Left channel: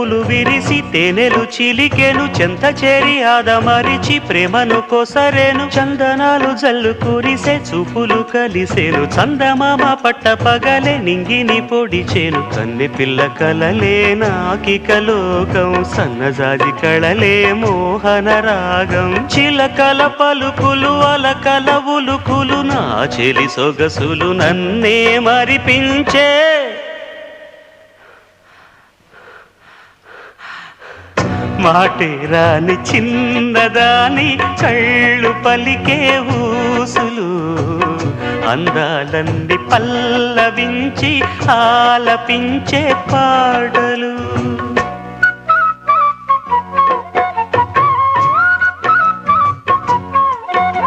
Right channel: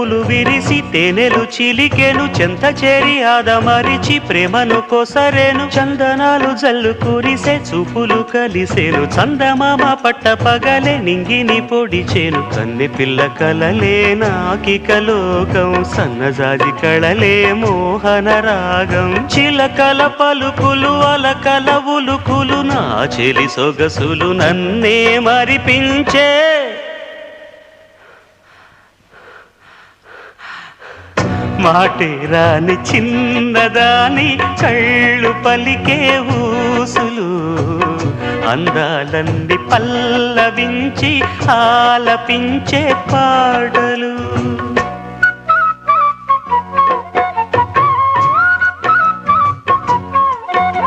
పువ్వులు విరిసి తేనెలు చిలికెను చెంత చేరి ఆదమరిచి ప్రేమను కొసరేను చందనాలు జల్లు కురిసే చూపులు కలిసేను చందమామ పట్ట పగలే నింగిని పొడిచేను కన్నె పిల్ల కలలే నాకిక లోకం సన్నజాజి కళలే మోహన రాగం చిలకల పలుకులు అలకల ఉలుకులు నా చెలి సొగసులు నన్నే మరిపించే మాటే రాని చిన్నదాని కళ్ళు పలికే ఊసులు అందాలన్నీ పల్లవించి ఆలపించే పాటలు